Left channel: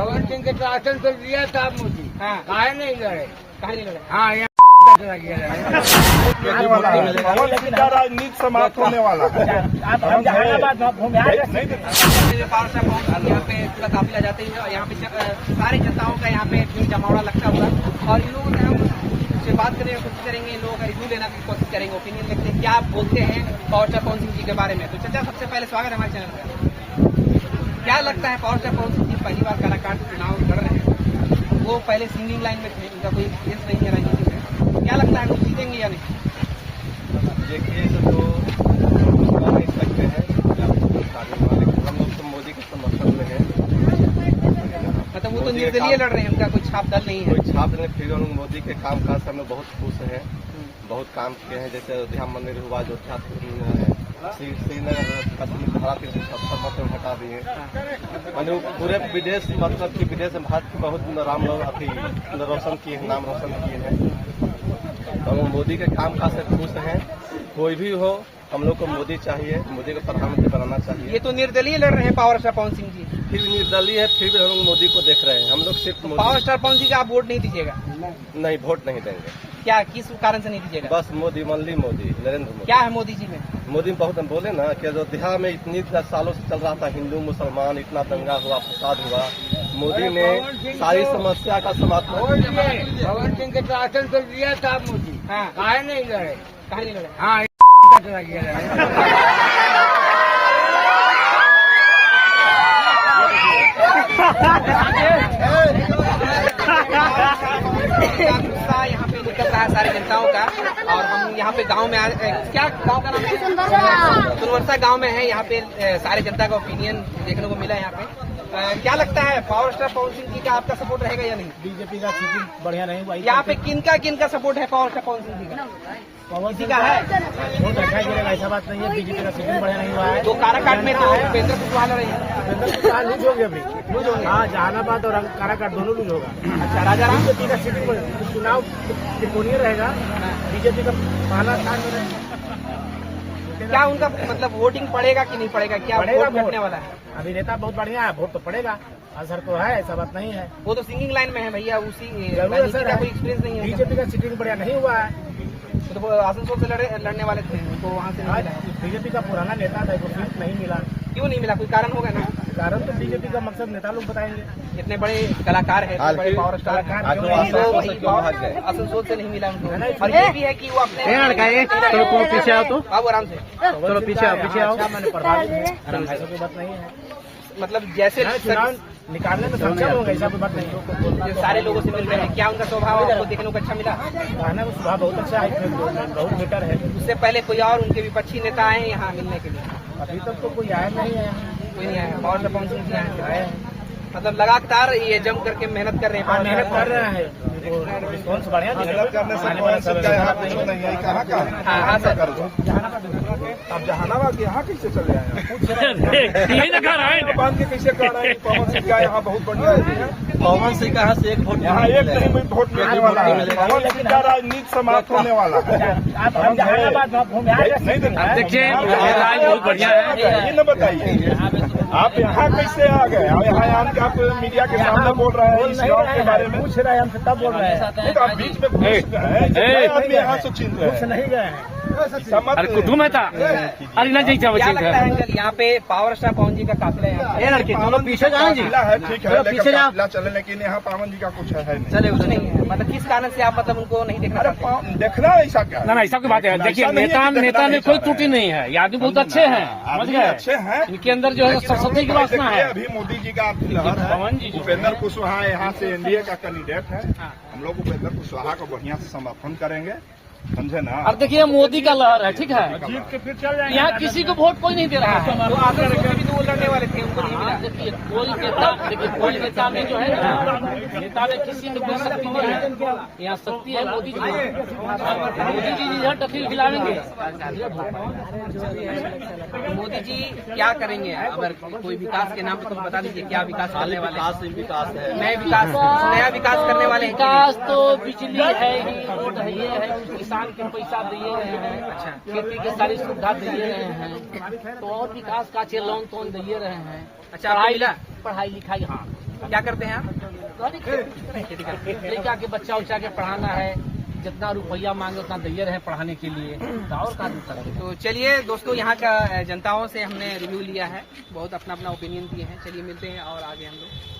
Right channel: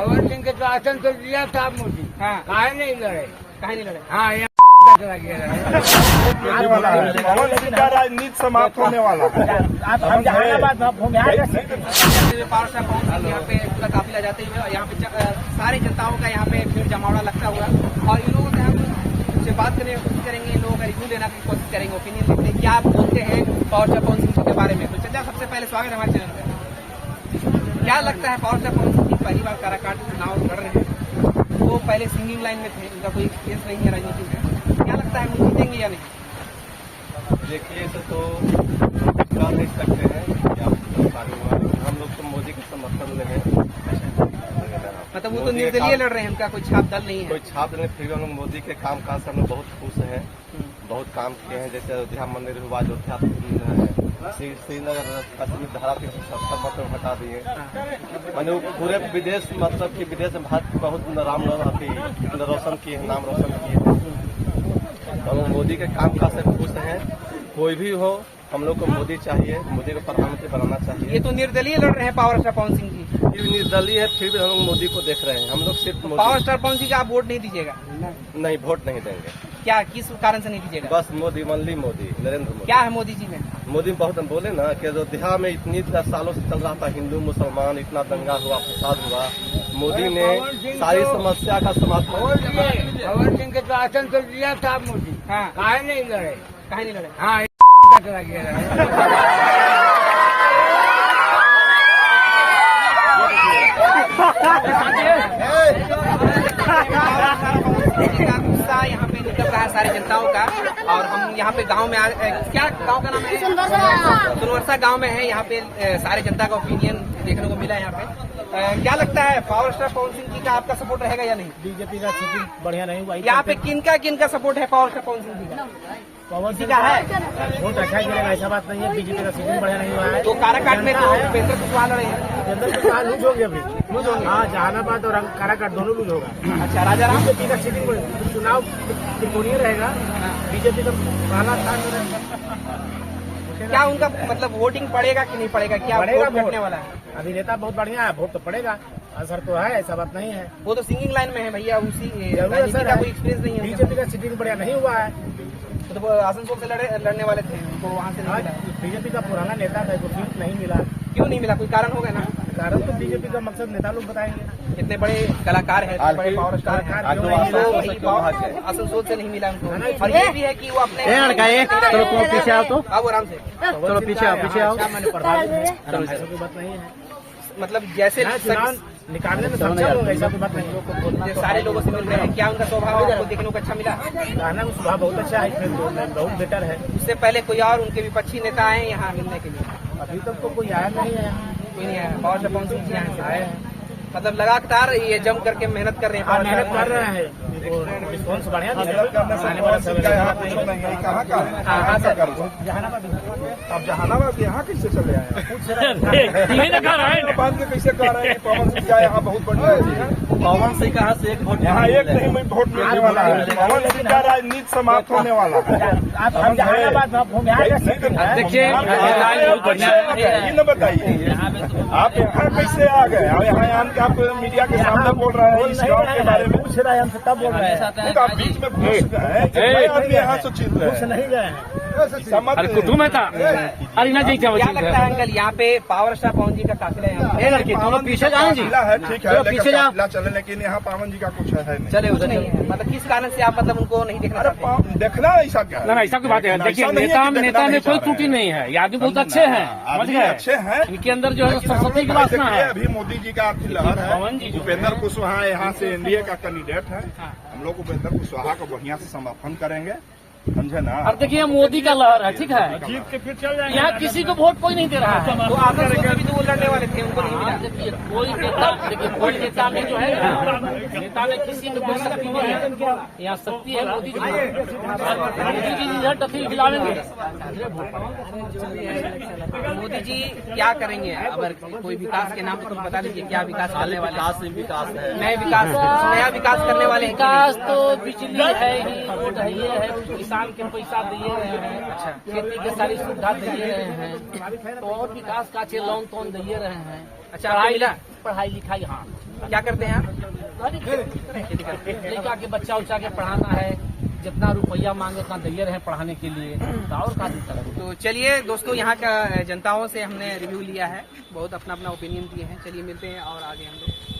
भगत सिंह के शासन तो दिया था मोदी। हाँ। काहे नहीं लड़े? हाँ यहाँ चला गया राजनीति समाप्त होने वाला आप हम जहानाबाद यहाँ पे पूरा काफिला जाते हुए यहाँ पे सारे जनताओं का यहाँ पे जमावड़ा लगता है और इन लोगों से बात करने की कोशिश करेंगे, इन लोगों का रिव्यू लेने की कोशिश करेंगे, ओपिनियन लेते हैं क्या आप बोलते हैं पावर स्टार पवन सिंह जी के बारे में। तो चलिए सबसे पहले स्वागत है हमारे चैनल पे। क्या लगता है पावर स्टार पवन सिंह जी पहली बार काराकाट चुनाव लड़ रहे हैं, वो पहले सिंगिंग लाइन में थे, उनका कोई केस नहीं है राजनीति में, क्या लगता है वो जीतेंगे या नहीं? देखिए तो कह नहीं सकते हैं लेकिन हम लोग तो मोदी के समर्थन में हैं। मतलब वो तो निर्दलीय लड़ रहे हैं, उनका कोई छाप दल नहीं है। कोई छाप नहीं, फिर हम लोग मोदी के काम काज से हम लोग बहुत खुश हैं, बहुत काम किए हैं। जैसे अयोध्या मंदिर हुआ, अयोध्या श्रीनगर कश्मीर धारा 370 मतलब हटा दिए। मैंने पूरे विदेश मतलब कि विदेश में भारत बहुत नाम रोशन किए हैं, नाम रोशन किए हैं। तो हम लोग मोदी के काम काज से खुश हैं। कोई भी हो हम लोग को मोदी चाहिए, मोदी को प्रधानमंत्री बनाना चाहिए। ये तो निर्दलीय लड़ रहे हैं पावर स्टार पवन सिंह जी, फिर भी निर्दलीय है, फिर भी हम लोग मोदी को देख रहे हैं। हम लोग सिर्फ पावर स्टार पवन सिंह का आप वोट नहीं दीजिएगा? नहीं, वोट नहीं देंगे। क्या किस कारण से नहीं दीजिएगा? बस मोदी मनली मोदी, नरेंद्र मोदी। क्या है मोदी जी में? मोदी बहुत हम बोले ना कि अयोध्या में इतनी सालों से चल रहा था हिंदू मुसलमान, इतना दंगा हुआ, फसाद हुआ, मोदी ने सारी समस्या का समाधान। भगत सिंह के शासन तो दिया था मोदी। हाँ। काहे नहीं लड़े? हाँ चला गया गुस्सा यहाँ पे निकल रहा है सारी जनताओं का। और हम यहाँ पे गांव में क्या गांव का नाम है? सुरवर्षा गांव में है। यहाँ पे सारे जनता का ओपिनियन देखने को मिला है। यहाँ पे क्या लगता है पावर स्टार पवन सिंह जी का आपका सपोर्ट रहेगा या नहीं? बीजेपी का सीटिंग बढ़िया नहीं हुआ। यहाँ पे किनका सपोर्ट है पावर स्टार पवन सिंह जी का? पवन सिंह का है वोट अच्छा ही गिरेगा, ऐसा बात नहीं है। बीजेपी का सीटिंग बढ़िया नहीं हुआ है। तो काराकाट में तो उपेंद्र कुशवाहा लड़ रहे हैं। उपेंद्र कुशवाहा लूज होंगे अभी, लूज होंगे। हाँ, जहानाबाद और काराकाट दोनों लूज होगा। अच्छा, राजाराम बीजेपी का सीटिंग चुनाव त्रिकोणीय रहेगा। बीजेपी का पहला स्थान में रहेगा। क्या उनका मतलब वोटिंग पड़ेगा कि नहीं पड़ेगा? क्या पड़ेगा वोट लगने वाला है? अभिनेता बहुत बढ़िया है, वोट तो पड़ेगा, असर तो है, ऐसा बात नहीं है। वो तो सिंगिंग लाइन में है भैया, उसी जरूर असर है। कोई एक्सपीरियंस नहीं है। बीजेपी का सीटिंग बढ़िया नहीं हुआ है। तो आसनसोल से लड़ने वाले थे, उनको वहाँ से नहीं मिला। बीजेपी का पुराना नेता था, सीट नहीं मिला। क्यों नहीं मिला? कोई कारण होगा ना? कारण तो बीजेपी का मकसद नेता लोग बताएंगे। इतने बड़े कलाकार है, इतने बड़े पावर स्टार है, क्यों नहीं मिला? आसनसोल से नहीं मिला उनको। और ये भी है कि वो अपने पीछे आओ आराम से, पीछे आओ, मैंने प्रभावित है, ऐसा कोई बात नहीं है। मतलब जैसे चुनाव निकालने में सक्षम होगा, ऐसा कोई बात नहीं। सारे लोगों से मिल रहे हैं। क्या उनका स्वभाव आपको देखने को अच्छा मिला? कहना का स्वभाव बहुत अच्छा है, इसमें बहुत बेटर है। उससे पहले कोई और उनके विपक्षी नेता आए यहाँ मिलने के लिए? अभी तक तो कोई आया नहीं है यहाँ, कोई नहीं आया। पावर स्टार पवन सिंह जी यहाँ से आए हैं, मतलब लगातार ये जम करके मेहनत कर रहे हैं। मेहनत कर रहे हैं, रिस्पॉन्स बढ़िया आने वाला सब ऐसा बात नहीं है। आप जहानाबाद यहाँ कैसे चले आए? बांध के कैसे कर रहे हैं? पवन सिंह का यहाँ बहुत बढ़िया है। पवन सिंह का से एक वोट यहाँ एक नहीं वोट मिलने वाला है। पवन सिंह का राजनीति समाप्त होने वाला है। आप हम जहानाबाद देखिए, ये न बताइए आप यहाँ कैसे आ गए? यहाँ आप मीडिया के सामने बोल रहे हैं इस गाँव के बारे में, पूछ रहे हैं, हमसे तब बोल रहे हैं। आप बीच में घुस गए हैं, यहाँ से चिल रहे हैं। नहीं गए हैं। क्या लगता है अंकल, यहाँ पे पावर स्टार पवन जी का काफिला पीछे है, ठीक है, काफिला चले, लेकिन यहाँ पवन जी का कुछ है नहीं। चले कुछ नहीं है। मतलब किस कारण से आप मतलब उनको नहीं देखना चाहते? देखना ऐसा क्या है? ऐसा कोई बात है। देखिए, नेता में कोई त्रुटि नहीं है, ये आदमी बहुत अच्छे हैं, समझ गए? अच्छे हैं, इनके अंदर जो है सरस्वती की वासना है। अभी मोदी जी का लहर है। उपेंद्र कुशवाहा यहाँ से एनडीए का कैंडिडेट है। हम लोग उपेंद्र कुशवाहा को बढ़िया से समर्थन करेंगे, समझे ना? और देखिए, मोदी का लहर है, ठीक है। जीत के फिर चल जाएंगे। यहाँ किसी को वोट कोई नहीं दे रहा है। तो आप वो लड़ने वाले थे, उनको नहीं मिला। देखिए, कोई नेता में जो है नेता में किसी में कोई शक्ति नहीं है। यहाँ शक्ति है मोदी जी। मोदी जी रिजल्ट अभी खिलाएंगे। मोदी जी क्या करेंगे? अगर कोई विकास के नाम पे कुछ बता दीजिए, क्या विकास करने वाले? विकास है, नया विकास करने वाले हैं। विकास तो बिजली है ही, रोड है, ये है, किसान के पैसा दिए रहे हैं। अच्छा। खेती के सारी सुविधा दिए रहे हैं, तो और विकास का लोन तोन दिए रहे हैं। अच्छा, आपको मिला? पढ़ाई लिखाई, हाँ। क्या करते हैं आप? खेती करते हैं। लड़का के बच्चा उच्चा के पढ़ाना है, जितना रुपया मांगे उतना दिए रहे पढ़ाने के लिए, तो और का दिक्कत है। तो चलिए दोस्तों, यहाँ का जनताओं से हमने रिव्यू लिया है, बहुत अपना अपना ओपिनियन दिए हैं। चलिए मिलते हैं और आगे हम लोग